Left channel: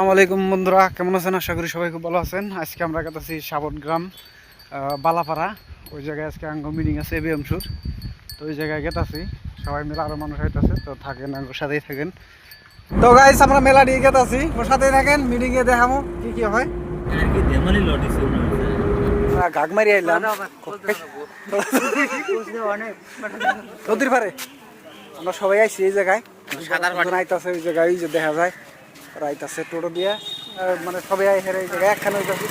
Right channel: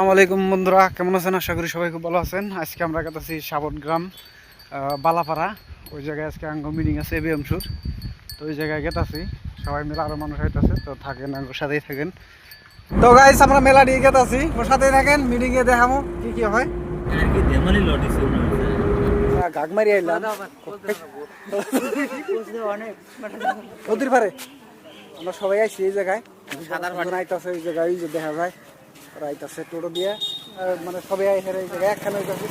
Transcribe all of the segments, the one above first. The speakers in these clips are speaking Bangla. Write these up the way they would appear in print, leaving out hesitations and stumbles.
আসসালামু আলাইকুম বন্ধুরা, কেমন আছেন? আশা করি সবাই খুব ভালো আছেন। আজকে আমরা গেতেছি সাবট গ্রাম বালাপাড়া। ওই জায়গায় আজকে আঙ্গ মিটিং আছে এবিএমসুর, তো ওই জায়গায় গেতেছি। সবাই মিলে আরও মানুষ হইতেছে, তো থাকেন, আঙ্গর সাথেই থাকেন। তো গাইস, আমরা মেলা দিয়ে গেতেছি, ওর সাথেই থাকেন। মিটিংয়ে দেখাবো কি কি হয়। গাগমারি আইলাম নদীর পারে, আমরা সবাই আইছি এই জায়গায়। আইতাছে ওই জায়গায়, ওই যে দেখা যায় ওরা আইতাছে টোটো দিয়ে, মানে সবাই আই হেরে এই জায়গায় একখানে হইতাছে।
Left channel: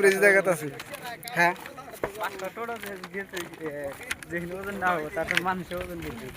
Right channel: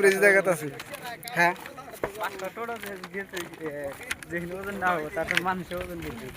ব্রিজ দেখাতাছি। হ্যাঁ, পাঁচটা টোটো গেছে, যেখানে ওজন না হবে তারপর মানুষের ওজন বুঝবে।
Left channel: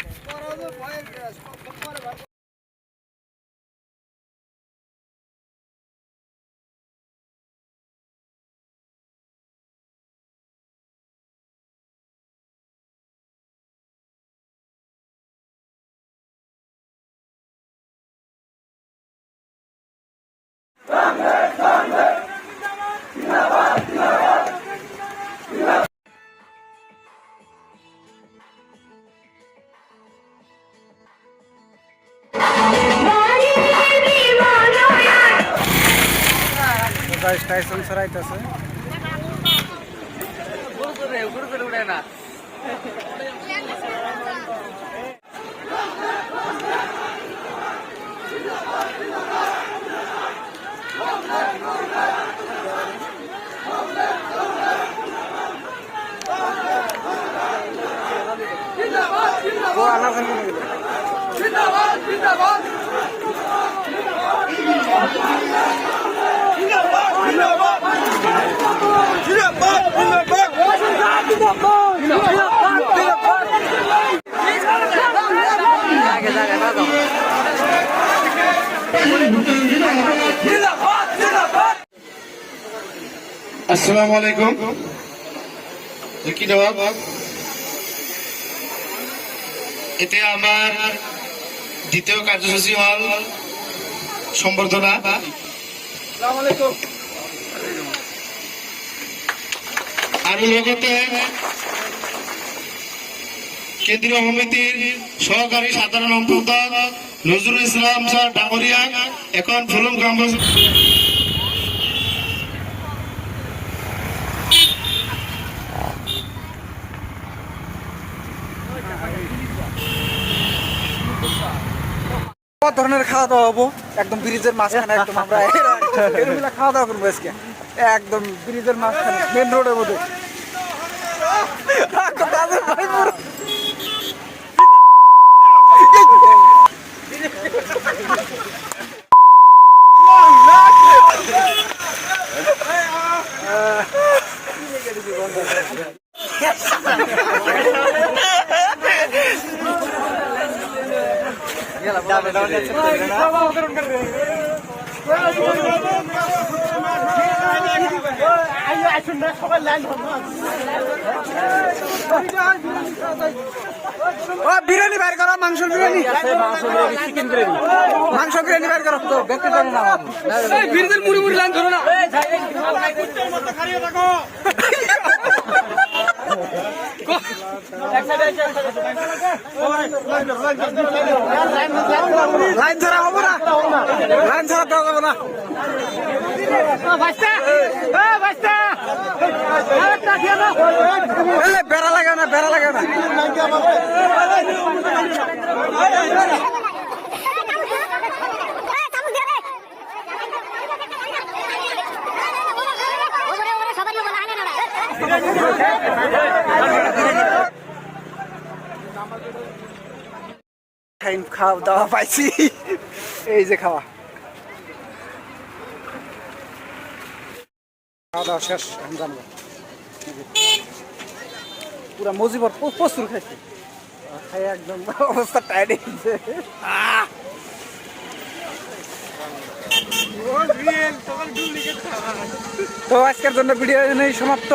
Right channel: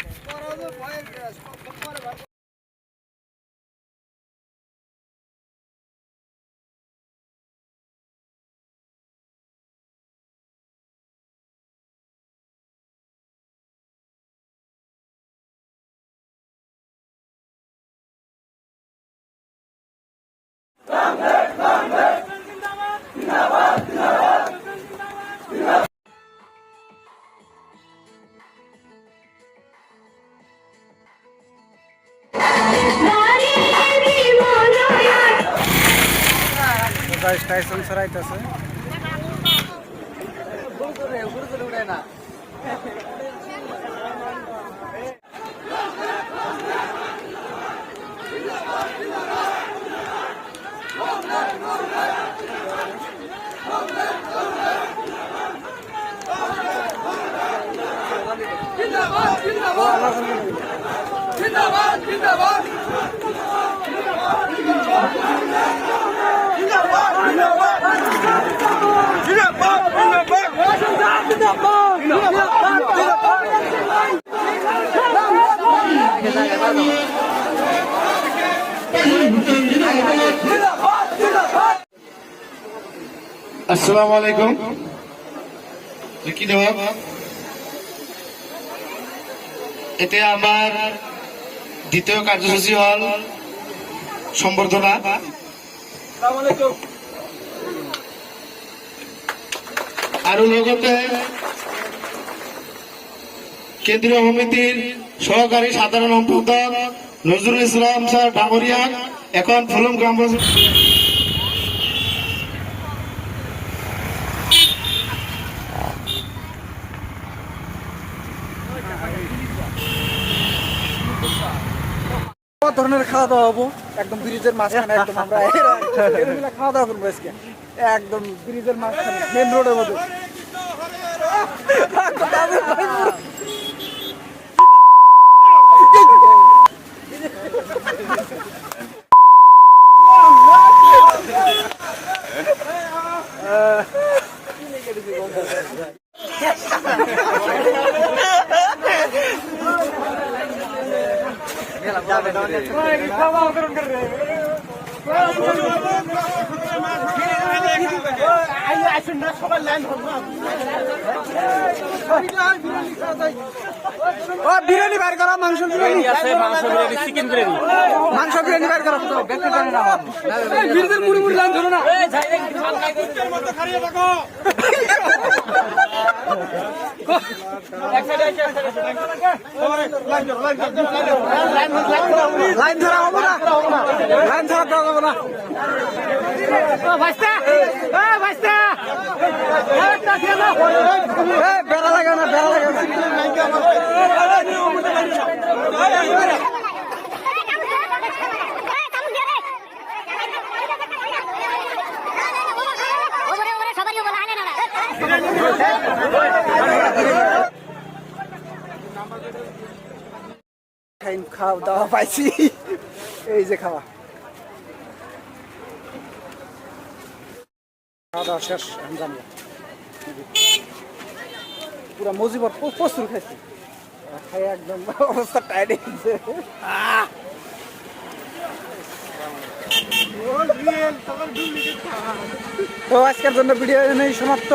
টাইসন স্যার আইতাছে। আসসালামু আলাইকুম। কি জবাব? এতে আমার দ্বিতীয় কার্যসূচি হল সম্বর্ধনা। আর লগতে কেন্দ্রীয় সমিতির সহকারী সাধারণ সম্পাদক নজরুল ইসলাম স্যার ডাঙরিয়া এখন ফুলুম গ্রামবাসী ধরনের খাওয়া দাওয়া হবো একদম ব্রিজের মাঝখানে, একদম আমরা খাওয়া দাওয়া করবো আজকে একদম ব্রিজের মাঝখানে, মেন রোডের মধ্যে। বিরিয়ানি বাইর করো, মাংস বিরিয়ানি, মাংস বিরিয়ানি বাইর করো। বিরিয়ানির মুড়ি মুড়ি লাইন ধরো না, লাইন ধরা হবে না, লাইন ধরা দেওয়া যাবে না। বেড়া লাগে না, বেড়া লাগে না। খাওয়া দাওয়া পাইছি, এই যে খাওয়া দাওয়া শেষ। জানবো পুরা মজিবর প্রচুর খাইছি, খাই একদম অবস্থা টাইট হয়েছে। তো আজকের জন্য ভিডিও সমাপ্ত।